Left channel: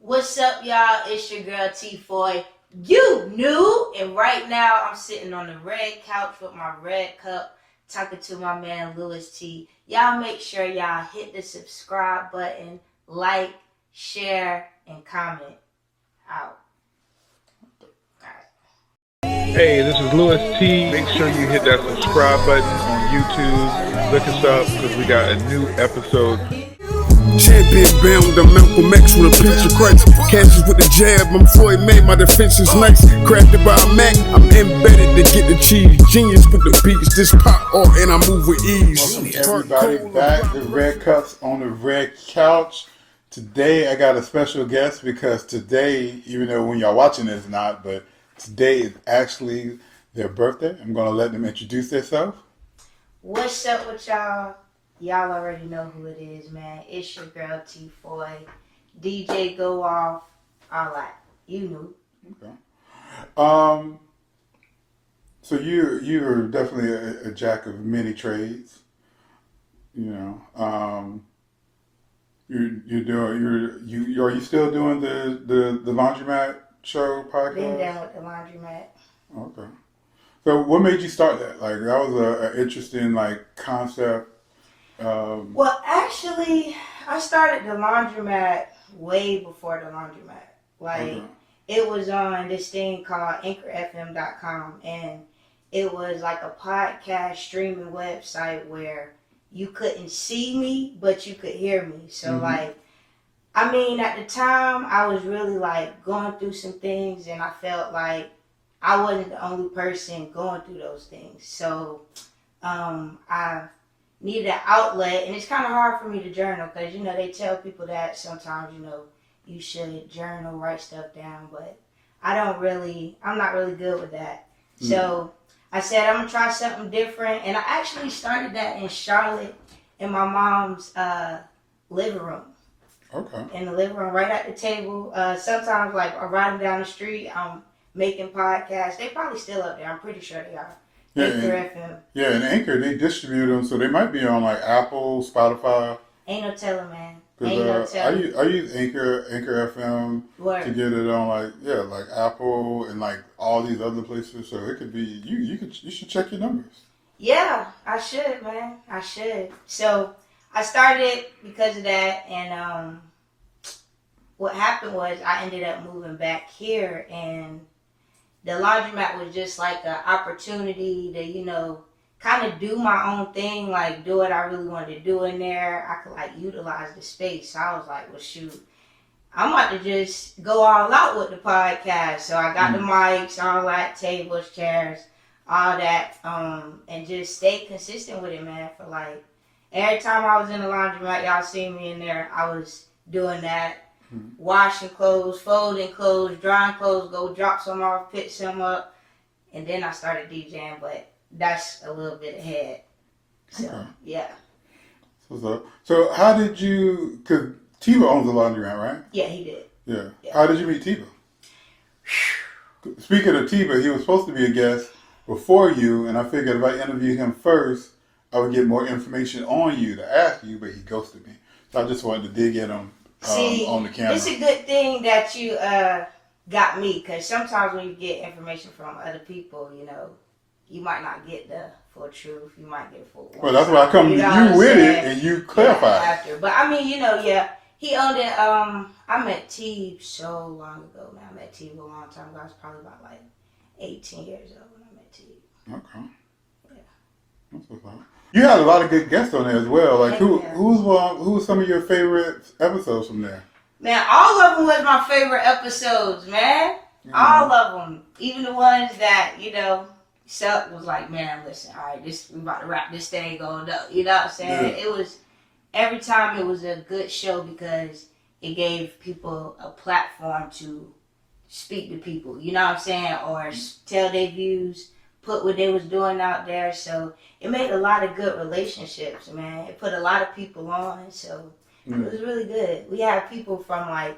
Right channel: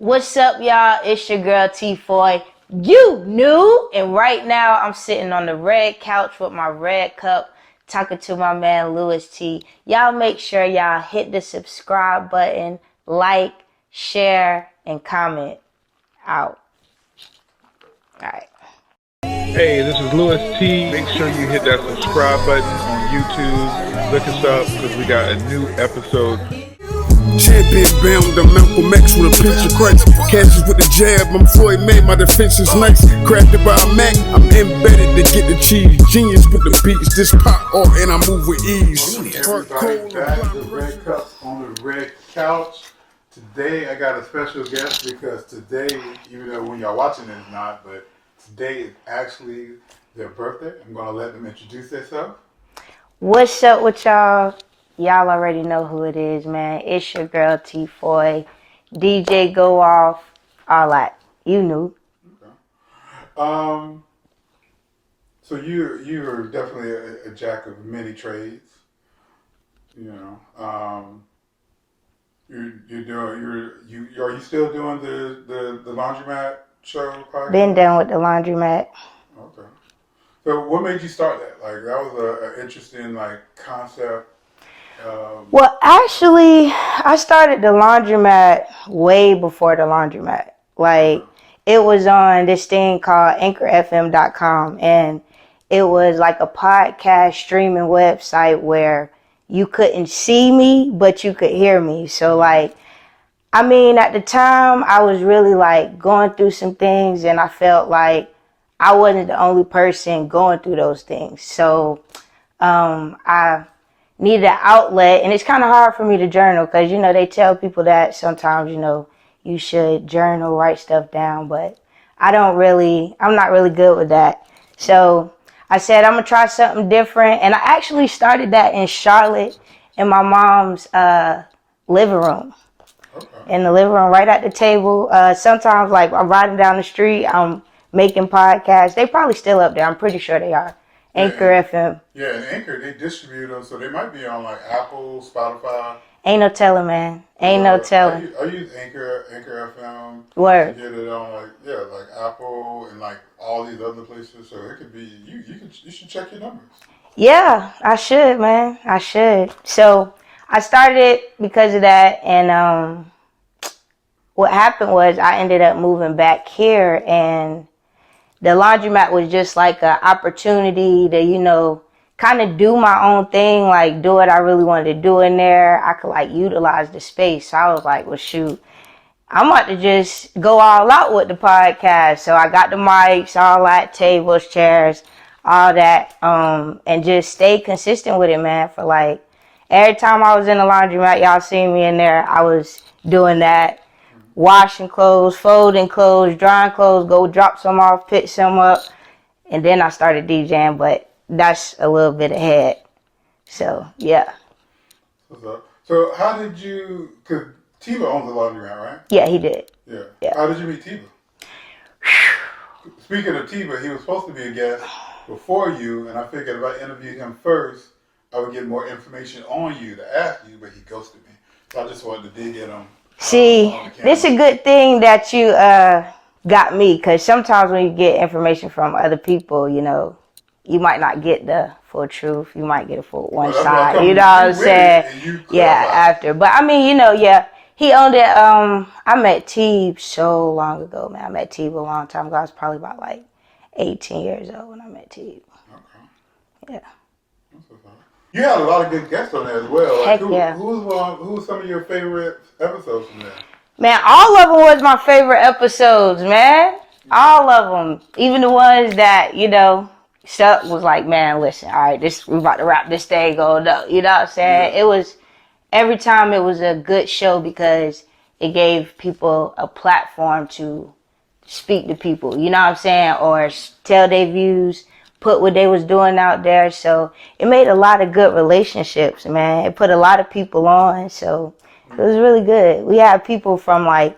What's up, y'all? It's your girl T Foye. You new, and right now I'm sitting on the red couch with my red cup, talking to my man Louis T. Y'all make sure y'all hit the subscribe button, like, share, and comment. Out. All right. Hey, this is Louis T. Make sure you hit that subscribe button on YouTube. Look us up because we got a new episode. Champion bound, I'm Malcolm X with a pinch of Christ. Catches with the jab, I'm Foye made, my defense is nice. Crafted by a Mac, I'm embedded to get the cheese. Genius with the beats, this pop art and I move with ease. Everybody back, the red cups on the red couch. Today I got a special guest because today, even though when y'all watching this not, but today is actually their birthday. I'm going to let them introduce themselves. What's up with y'all? Y'all already know who it is, man. It's your girl T Foye, DJ Go Awff, all that. You knew. Okay. So you're definitely a jack of many trades. You know. Are you still doing the laundromat show podcast? Been done with the laundromat. Okay. So what made you start that? Like that was an interesting concept. Well, actually, I started the laundromat way before the laundromat. It was on this thing called anchorfm.com, and it was like a podcast streaming website where you couldn't see me, but you could hear me. So, at the time, I was really, going through some things, and I felt like I wasn't the only person going through those things. So, I needed an outlet, and it's kind of hard for me to journal because, they tell people that sometimes, you should journal, write stuff down, but I'm not really good with that. So I said, I'm going to try something different, and I actually started that in Charlotte in my mom's living room. Okay. In the living room, right at the table. Sometimes, I'm riding down the street, I'm making podcasts. They probably still up there. I'm pretty sure they are. Anchor FM. Yeah, and Anchor, they distribute them, so they might be on Apple, Spotify. Ain't no telling, man. Ain't no telling. I use Anchor FM. Word. To get it on Apple and all these other places. So it could be you should check your numbers. Yeah, I should, man. I should. So I started because of that, and what happened was I ended up moving back here, and the laundromat was just like an opportunity to, kind of do my own thing, do what I really wanted to do in there. I could, utilize the space. So I was like, well, shoot, I'm about to just go all out with the podcast. So I got the mics, all that, tables, chairs, all that, and just stay consistent with it, man, for, every time I was in the laundromat, y'all seen me in there, I was doing that. Washing clothes, folding clothes, drying clothes, go drop some off, pick some up, and then I started DJing, but that's a little bit ahead. So, yeah. So how did you, because Tiba owns the laundromat, right? Yeah, he did. Yeah. How did you meet Tiba? Speaking of Tiba, he was supposed to be a guest before you, and I figured if I interviewed him first, I would get more information on you to ask you, but he ghosted me. So I just wanted to dig in on See, it's a good thing that you got me, because sometimes when you get information from other people, you might not get the full truth. You might get a full one side. You know what I'm saying? Yeah, after. But he owned it. I met T so long ago, man. I met T a long time ago. I was probably about 18 years old when I met T. Okay. Yeah. That's what's up. You had a lot of good guests on there as well. Who was some of your favorite episodes from there? Man, all of them was my favorite episodes, man. Mm-hmm. All of them. Even the ones that, Suck was like, man, listen, all right, we about to wrap this thing going up. You know what I'm saying? Yeah. It was, every time it was a good show because it gave people a platform to speak to people. You know what I'm saying? Or tell their views. Put what they was doing out there, so it made a lot of good relationships, man. It put a lot of people on, so it was really good. We had people from I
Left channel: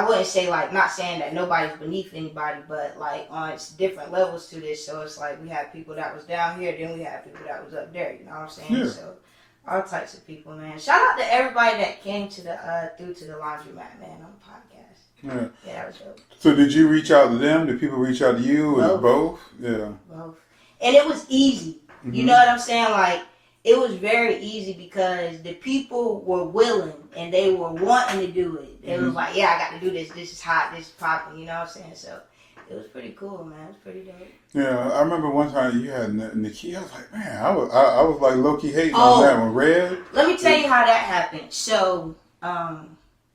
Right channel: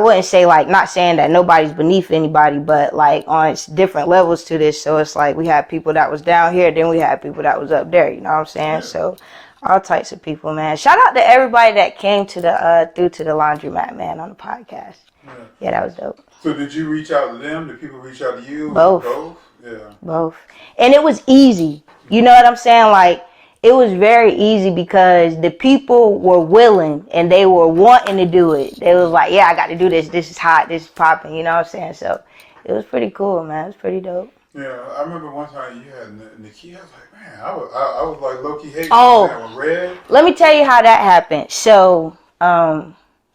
wouldn't say not saying that nobody's beneath anybody, but on different levels to this. So it's we had people that was down here, then we had people that was up there. You know what I'm saying? So All types of people, man. Shout out to everybody that came to the through to the laundromat, man, on the podcast. Right. Yeah, that was dope. So did you reach out to them? Did people reach out to you? Both. Both? Yeah. Both. And it was easy. You know what I'm saying? Like, it was very easy because the people were willing and they were wanting to do it. They was like, yeah, I got to do this. This is hot. This is popping. You know what I'm saying? So it was pretty cool, man. It was pretty dope. Yeah, I remember one time you had Nikki. I was like, man, I was like low-key hating Oh. on that one. Red. Let me tell you how that happened. So,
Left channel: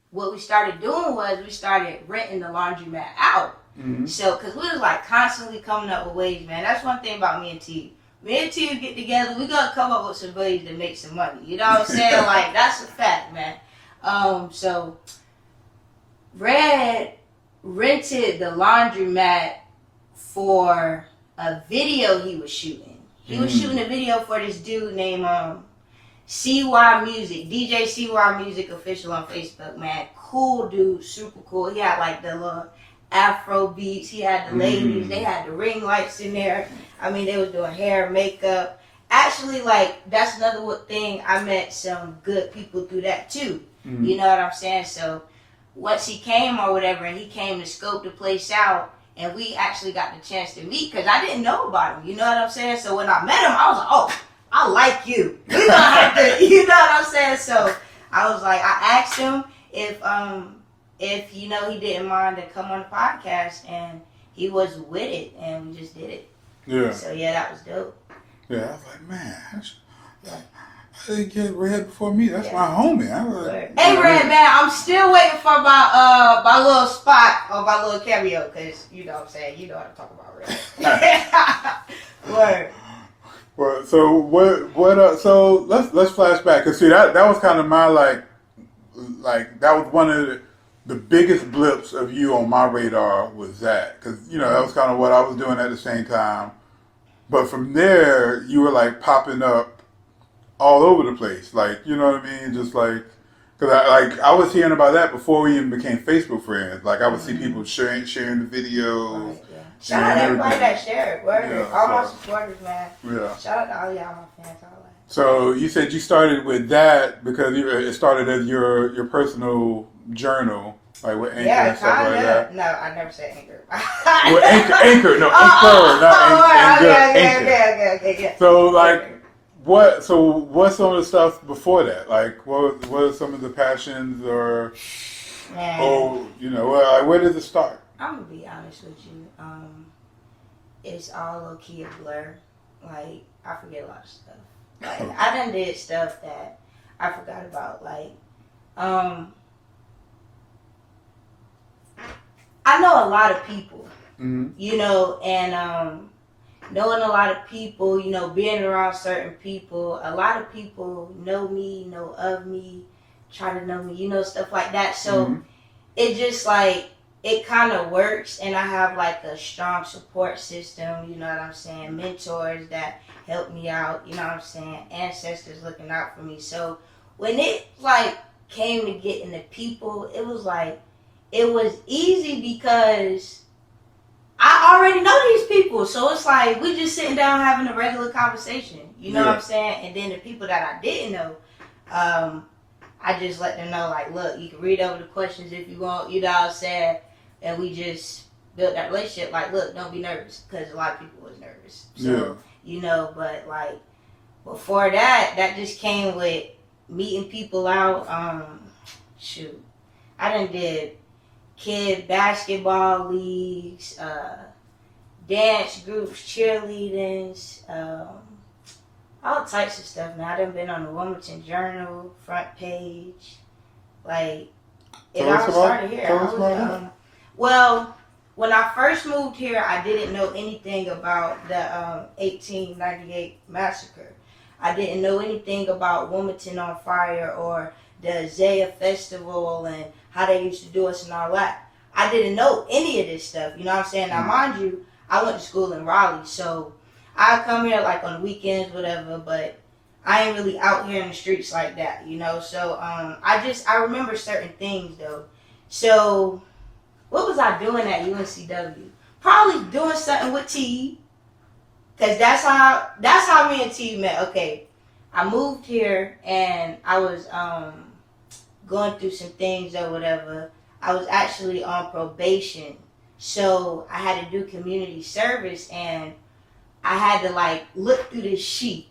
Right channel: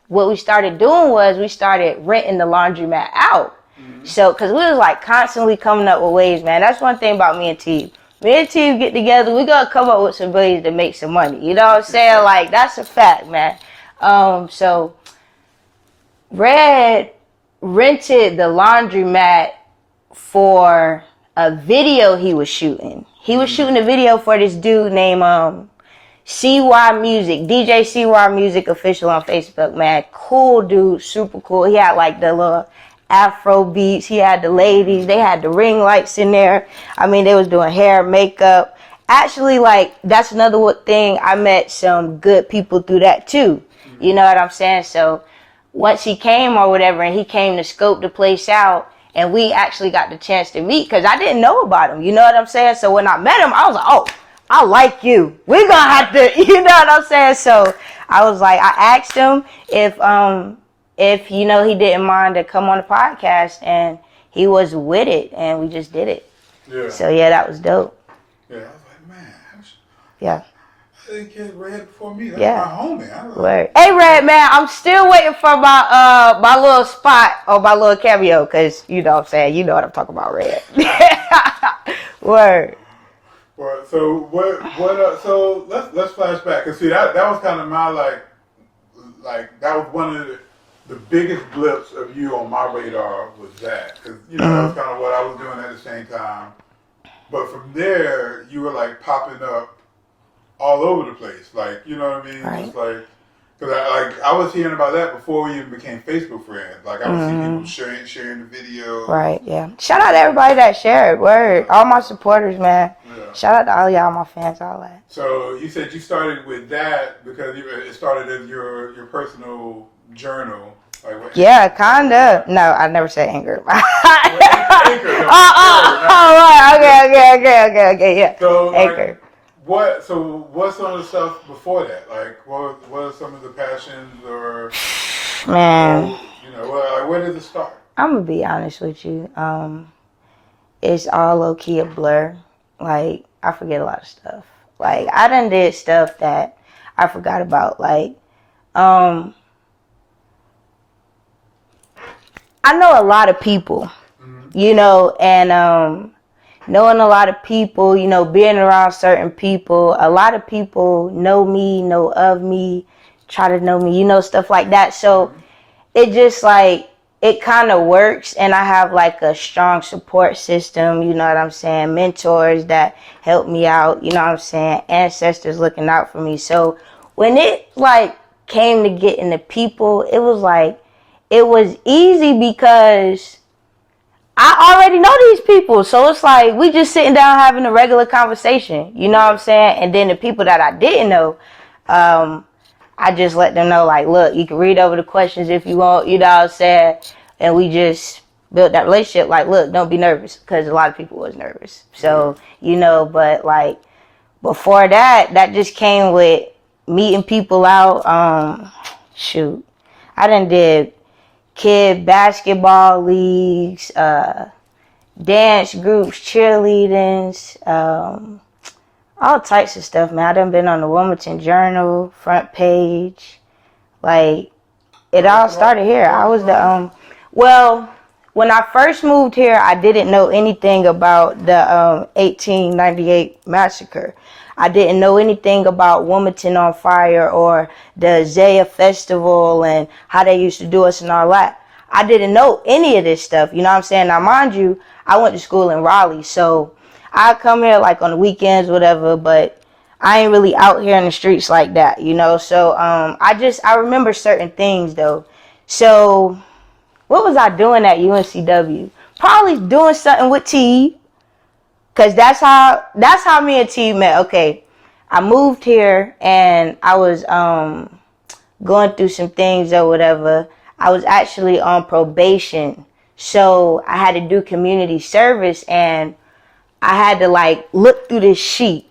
what we started doing was we started renting the laundromat out. Mm-hmm. So, because we was like constantly coming up with ways, man. That's one thing about me and T. Me and T get together, we gonna come up with some ways to make some money. You know what I'm saying? Like, that's a fact, man. So, Red rented the laundromat for a video he was shooting. He was shooting a video for this dude named CY Music, DJ CY Music Official on Facebook, man. Cool dude, super cool. He had like the little Afro beats. He had the ladies. They had the ring lights in there. I mean, they was doing hair, makeup. Actually, like, that's another thing. I met some good people through that too. You know what I'm saying? So once he came or whatever, and he came to scope the place out, and we actually got the chance to meet because I didn't know about him. You know what I'm saying? So when I met him, I was like, oh, I like you. We're going to have to, you know what I'm saying? So I was like, I asked him if you know, he didn't mind to come on the podcast, and he was with it, and we just did it. Yeah. So yeah, that was dope. Yeah, I was like, man, Yeah. I didn't get Red before me. That's Yeah. my homie. I was Word. Hey, Red, man, I'm still waiting for my little spot or my little cameo, because, you know what I'm saying, you know what I'm talking about, Red. Word. Well, so what? So let's flash back, cause see that was kind of my like that was one of the biggest blips of you on my radar was that, because you know that was kind of what I was doing at the same time. But from there, you were like popping up all over the place, like, you know what I mean? Right. Just like, cause I was hearing about that before we even became Facebook friends. Like I would see people sharing the videos. Right, yeah. Shout out to everybody that shared. Word. Yeah. All my supporters, man. Yeah. Shout out to all y'all, my fans, all that. So you said you started with that because it started as your personal journal. Like what, Yeah, kind of. No, I never said anger. Well, anchor, no, Okay, yeah. So like, Anchor. what's some of the stuff before that? Like, what are some of the passions or, Man, you know, like, where did it start? I'm gonna be honest with you. It's all low key a blur. Like, I forget a lot of stuff. Like, I done did stuff that I forgot about. Like, I know a lot of people, you know, and knowing a lot of people, you know, being around certain people, a lot of people know me, know of me, try to know me, you know, stuff like that. So it just like, it kind of works, and I have like a strong support system, you know what I'm saying, mentors that help me out, you know what I'm saying, ancestors looking out for me. So when it like came to getting the people, it was like, it was easy because I already know these people. So it's like, we just sitting down having a regular conversation, you know what I'm saying? And then the people that I didn't know, I just let them know, like, look, you can read over the questions if you want, you know what I'm saying? And we just built that relationship. Like, look, don't be nervous, because a lot of people was nervous. So, you know, but like, before that, that just came with meeting people out. Shoot, I done did kid basketball leagues, dance groups, cheerleadings, all types of stuff, man. I done been on the Wilmington Journal front page. Like, it all started here. I was the well, when I first moved here, I didn't know anything about the 1898 massacre. I didn't know anything about Wilmington on Fire or the Zaya Festival and how they used to do us and all that. I didn't know any of this stuff, you know what I'm saying? Now, mind you, I went to school in Raleigh, so I come here like on the weekends, whatever, but I ain't really out here in the streets like that, you know? So I remember certain things, though. So what was I doing at UNCW? Probably doing something with T. Cause that's how me and T met. Okay, I moved here and I was going through some things or whatever. I was actually on probation. So I had to do community service and I had to like look through this sheet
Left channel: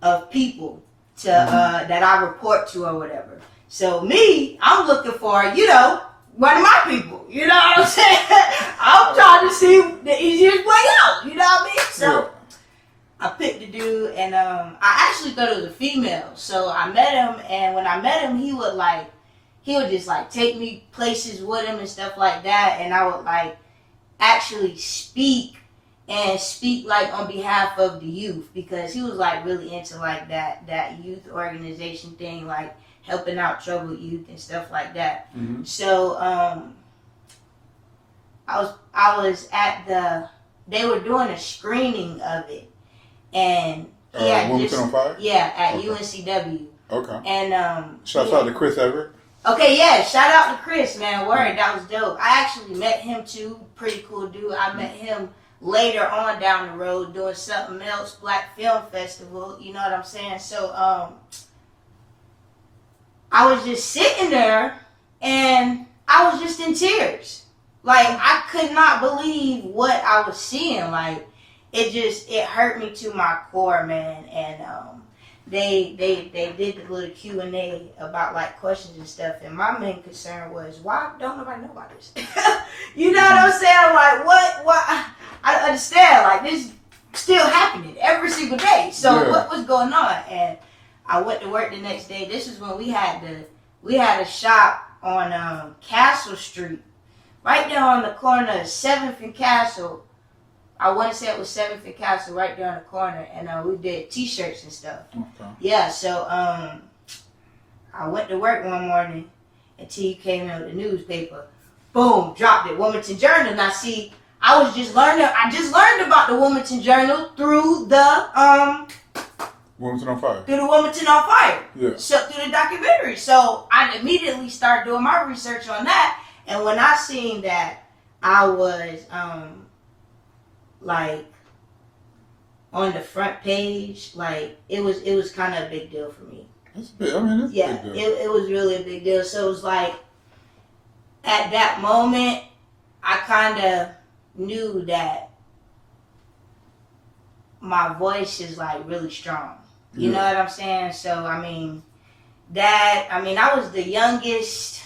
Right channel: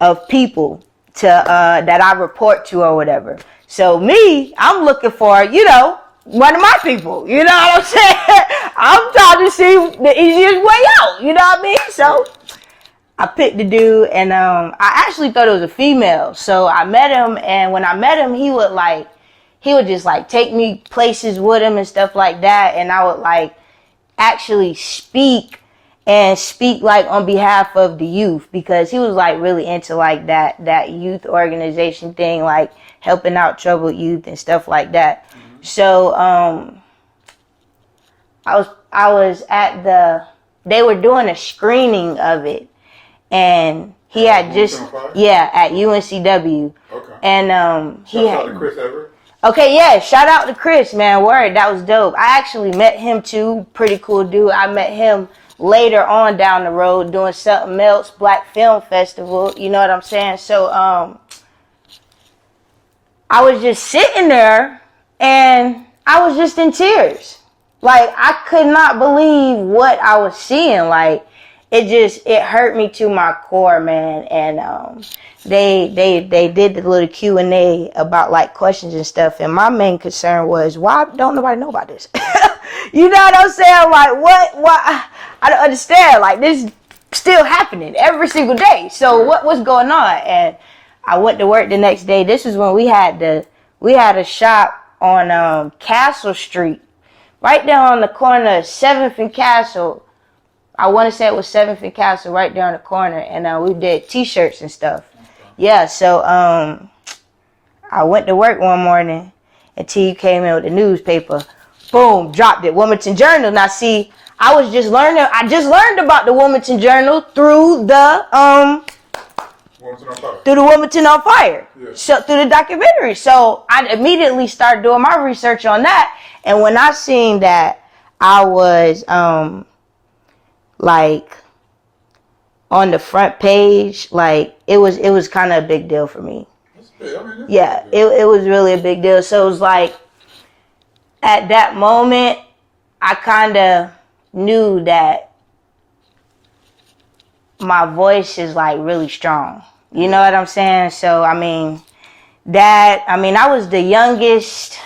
of people to that I report to or whatever. So me, I'm looking for, you know, one of my people. You know what I'm saying? I'm trying to see the easiest way out. You know what I mean? So I picked the dude, and I actually thought it was a female. So I met him, and when I met him, he would just like take me places with him and stuff like that, and I would like actually speak like on behalf of the youth, because he was like really into like that youth organization thing, like helping out troubled youth and stuff like that. Mm-hmm. So I was at they were doing a screening of it, and he had just at UNCW. Okay. And shout out to Chris Everett. Okay, yeah, shout out to Chris, man. Word, that was dope. I actually met him too. Pretty cool dude. I met him later on down the road doing something else, Black Film Festival. You know what I'm saying? So I was just sitting there and I was just in tears. Like, I could not believe what I was seeing. Like, it hurt me to my core, man. And they did the little Q&A about like questions and stuff, and my main concern was, why don't nobody know about this? You know what I'm saying? Like, what I don't understand. Like, this still happening every single day. So what's going on? And I went to work the next day. This is when we had a shop on Castle Street, right there on the corner of 7th and Castle. I want to say it was 7th and Castle, right there on the corner, and we did T-shirts and stuff. Okay. Yeah, so I went to work one morning, and T came in with the newspaper. Boom, dropped it, Wilmington Journal. Now, see, I just learned about the Wilmington Journal through the Wilmington on Fire. Through the Wilmington on Fire. Yeah. So through the documentary. So I immediately started doing my research on that, and when I seen that I was like on the front page, like it was kind of a big deal for me. It's big. I mean, it was really a big deal. So it was like at that moment I kind of knew that my voice is like really strong. You know what I'm saying? So I was the youngest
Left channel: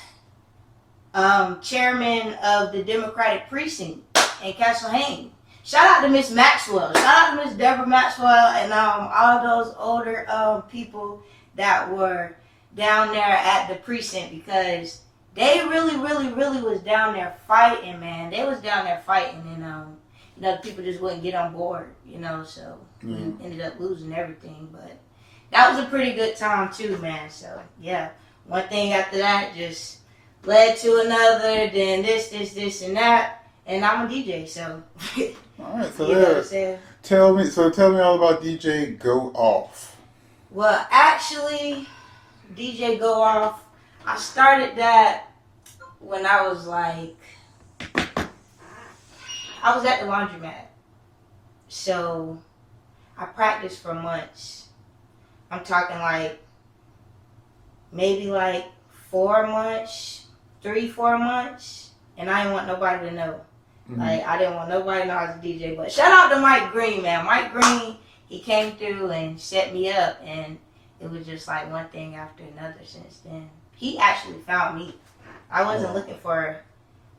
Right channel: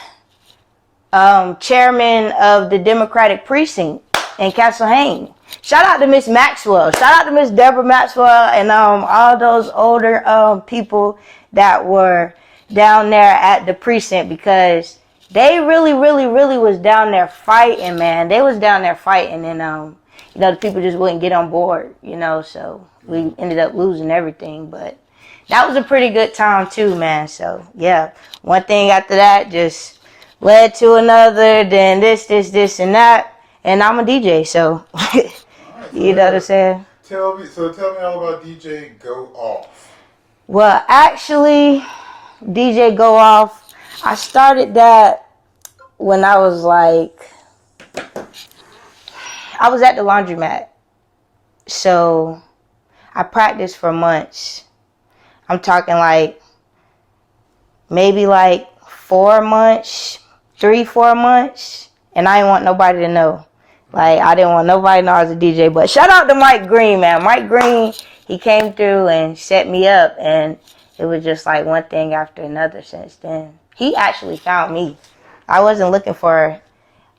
chairman of the Democratic precinct in Castle Hayne. Shout out to Miss Maxwell. Shout out to Miss Deborah Maxwell and all those older people that were down there at the precinct, because they really, really, really was down there fighting, man. They was down there fighting, and the people just wouldn't get on board, so we ended up losing everything. But that was a pretty good time too, man. So yeah, one thing after that just led to another, then this and that. And I'm a DJ, so, right, so you know what I'm saying? Tell me all about DJ Go Awff. Well, actually, DJ Go Awff, I started that when I was at the laundromat. So I practiced for months. I'm talking maybe 4 months, 3-4 months, and I didn't want nobody to know. I didn't want nobody to know I was a DJ. But shout out to Mike Green, man. Mike Green, he came through and set me up, and it was just like one thing after another since then. He actually found me. I wasn't looking for...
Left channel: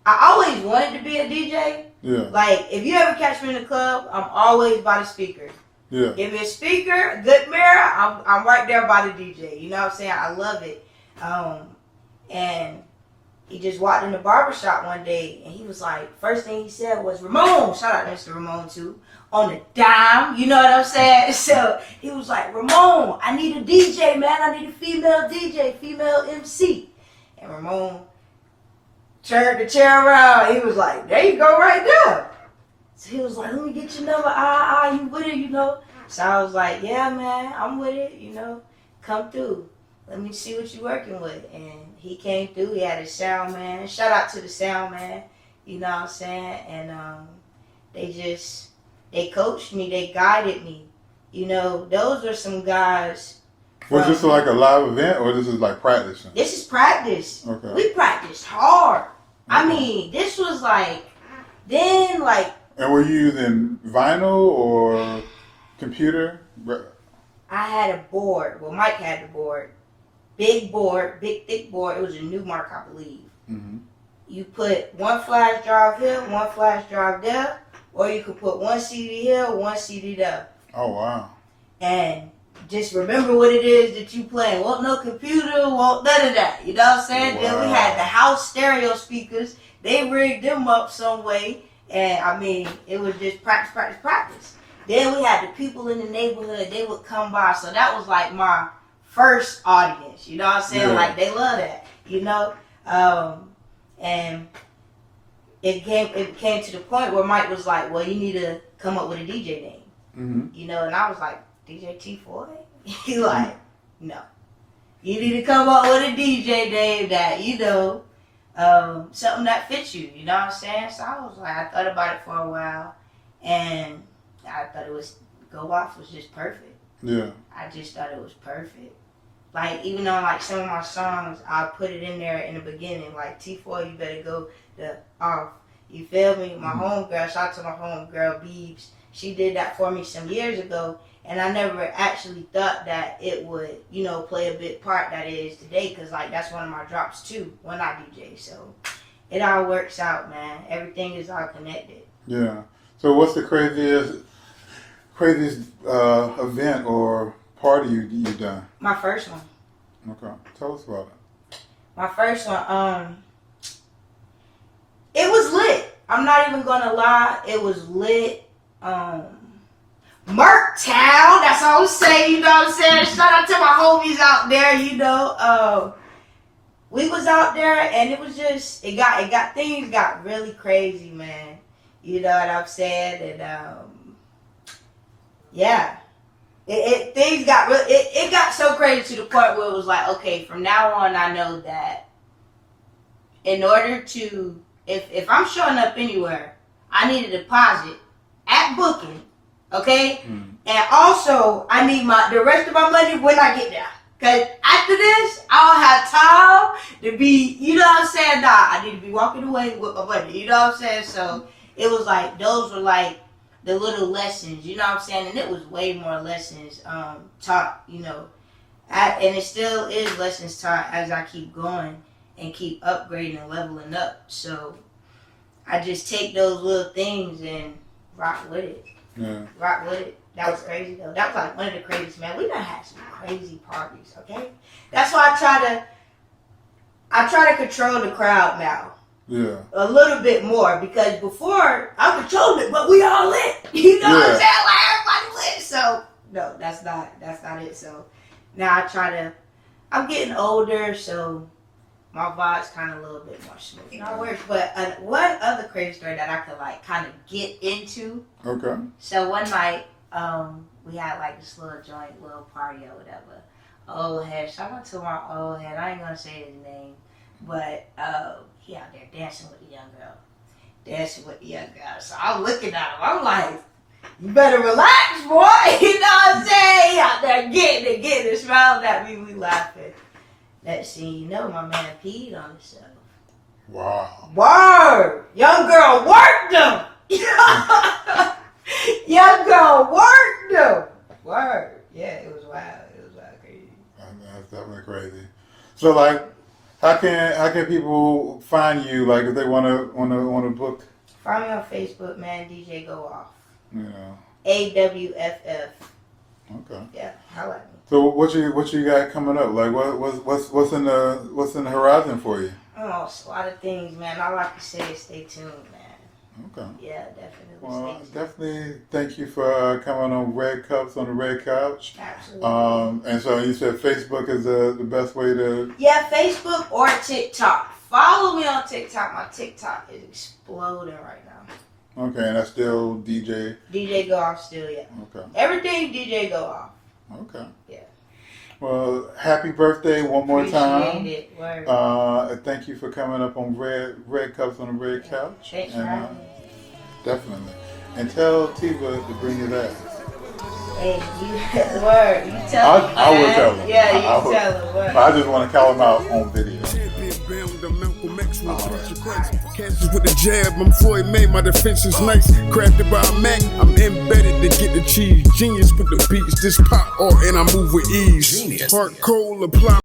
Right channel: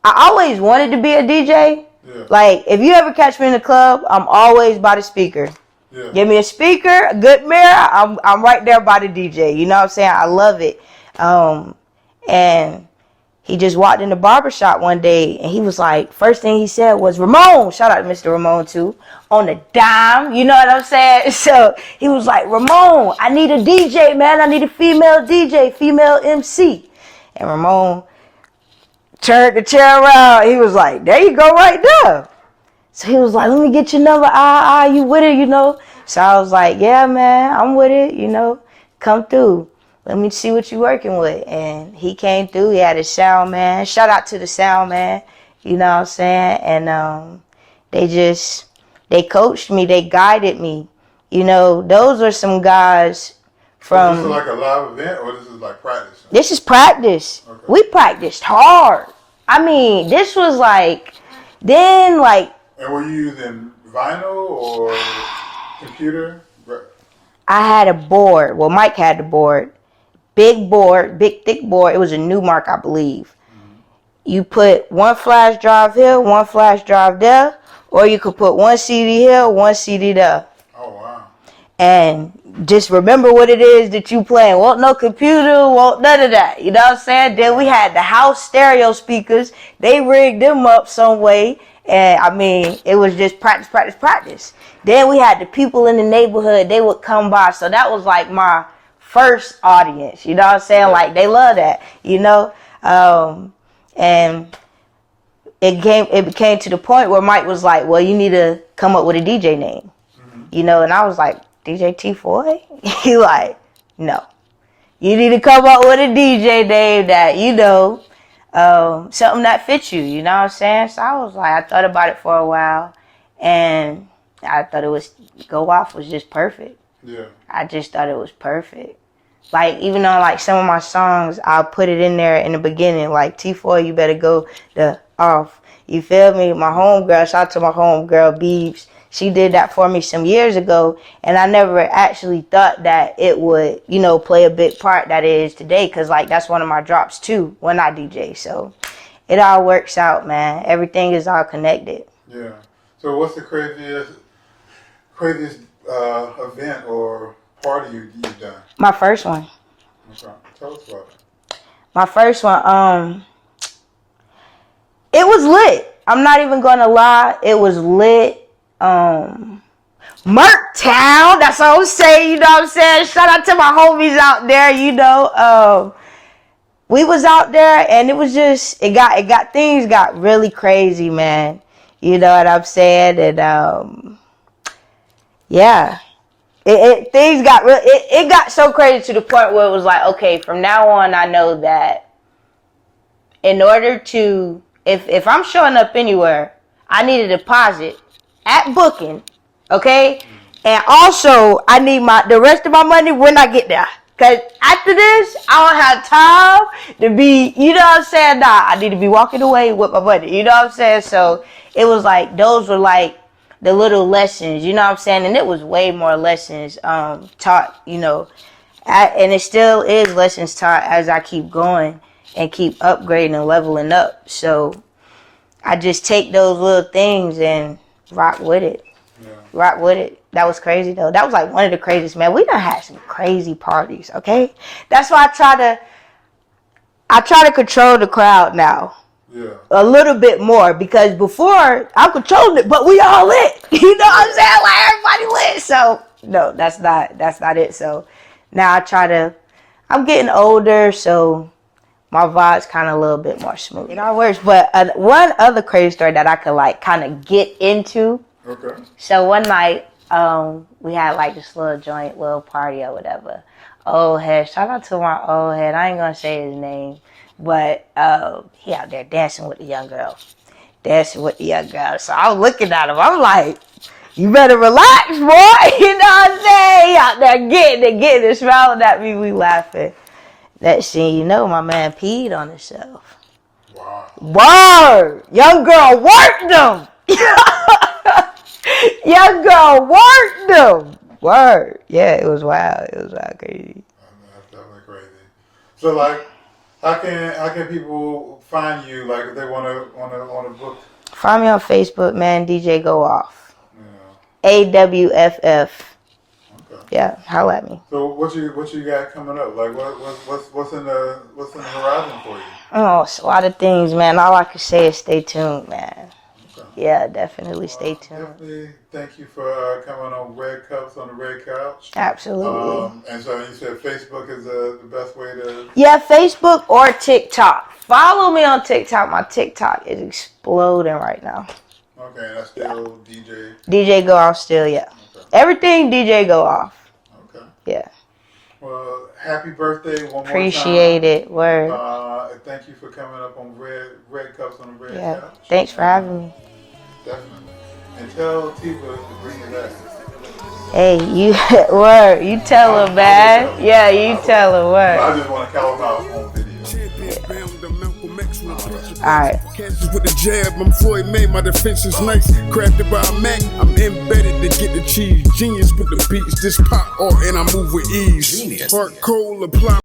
I always wanted to be a DJ. Yeah. Like, if you ever catch me in the club, I'm always by the speaker. Yeah. Give me a speaker, a good mirror, I'm right there by the DJ. You know what I'm saying? I love it. And he just walked in the barbershop one day, and he was like, first thing he said was, Ramon, shout out to Mr. Ramon too, on the dime, you know what I'm saying? So he was like, Ramon, I need a DJ, man. I need a female DJ, female MC. And Ramon turned the chair around. He was like, there you go right there. So he was like, let me get your number. You with it, So I was like, yeah, man, I'm with it, come through. Let me see what you working with. And he came through. He had a sound man. Shout out to the sound man. You know what I'm saying? And they coached me. They guided me. Those are some guys Was this like a live event or this is like practice? This is practice. Okay. We practiced hard. I mean, this was like, then like. And were you using vinyl or computer? I had a board. Well, Mike had the board. Big board, big thick board. It was a Newmark, I believe. Mm-hmm. You put one flash drive here, one flash drive there, or you could put one CD here, one CD there. Oh, wow. And just remember what it is that you playing. Won't no computer, won't none of that. You know what I'm saying? Wow. Then we had the house stereo speakers. They rigged them up some way. And I mean, it was just practice, practice, practice. Then we had the people in the neighborhood. They would come by. So that was like my first audience. You know what I'm saying? Yeah. Like, they love that, you know? And it became to the point where Mike was like, well, you need to come up with a DJ name. Mm-hmm. You know? And I was like, DJ T Foye? He like, no. You need to come up with a DJ name that, you know, something that fits you. You know what I'm saying? So I was like, I thought about it for a while. And I thought Go Awff was just perfect. Yeah. I just thought it was perfect. Like, even though, like, some of my songs, I'll put it in there in the beginning. Like, T Foye, you better go the off. You feel me? My homegirl, shout out to my homegirl, Beebs. She did that for me some years ago, and I never actually thought that it would, you know, play a big part that it is today, because, like, that's one of my drops, too, when I DJ. So it all works out, man. Everything is all connected. Yeah. So what's the craziest event or party you've done? My first one. Okay. Tell us about it. My first one, it was lit. I'm not even going to lie. It was lit. Merktown, that's what I'm saying, you know what I'm saying? Shout out to my homies out there, you know. We was out there and it was just, things got really crazy, man. You know what I'm saying? And yeah. Things got real, it got so crazy to the point where it was like, okay, from now on I know that in order to, if I'm showing up anywhere, I need a deposit at booking, okay? Mm. And also, I need the rest of my money when I get there. Because after this, I don't have time to be, you know what I'm saying? Nah, I need to be walking away with my money, you know what I'm saying? So, it was like, those were like the little lessons, you know what I'm saying? And it was way more lessons taught, you know. And it still is lessons taught as I keep going and keep upgrading and leveling up. So, I just take those little things and rock with it. Yeah. Rock with it. That was crazy though. That was like one of the craziest, man. We done had some crazy parties, okay? That's why I try to control the crowd now. Yeah. A little bit more, because before I controlled it, but we all lit. You know what I'm saying? Like, everybody lit. So no, that's not it. So now I'm getting older, so my vibe's kind of a little bit more smooth. It all works. But one other crazy story that I could like kind of get into. Okay. So one night, we had like this little joint, little party or whatever. Old head. Shout out to my old head. I ain't gonna say his name, but he out there dancing with the young girl. So I'm looking at him. I'm like, you better relax, boy. You know what I'm saying? He out there getting it, smiling at me. We laughing. That scene, you know, my man peed on himself. Wow. Word! Young girl worked him! Young girl worked him! Word. Yeah, it was wild. It was wild crazy. That's definitely crazy. So, like, how can people find you, like, if they wanna book? Find me on Facebook, man, DJ Go Awff. You know. AWFF. Okay. Yeah, holla at me. So what you got coming up? Like what's in the horizon for you? Oh, it's a lot of things, man. All I can say is stay tuned, man. Okay. Yeah, definitely stay tuned. Definitely thank you for coming on Red Cups on the Red Couch. Absolutely. And so you said Facebook is the best way to. Yeah, Facebook or TikTok. Follow me on TikTok. My TikTok is exploding right now. Okay, and that's still DJ? DJ Go Awff still, yeah. Okay. Everything DJ Go Awff. Okay. Yeah. Well, happy birthday one more time. Appreciate it. Word. Thank you for coming up on Red Cups on the Red Couch. Thanks for having me. Definitely. And tell Tiva to bring you back. Hey, you word. You tell him, man. Yeah, you tell him But word. I just want to call him out on video. Alright. Catches with the jab, I'm Foye, made my defense is nice. Crafted by a Mac, I'm embedded to get the cheese. Genius with the beats, this pop art and I move with ease. Heart cold, apply.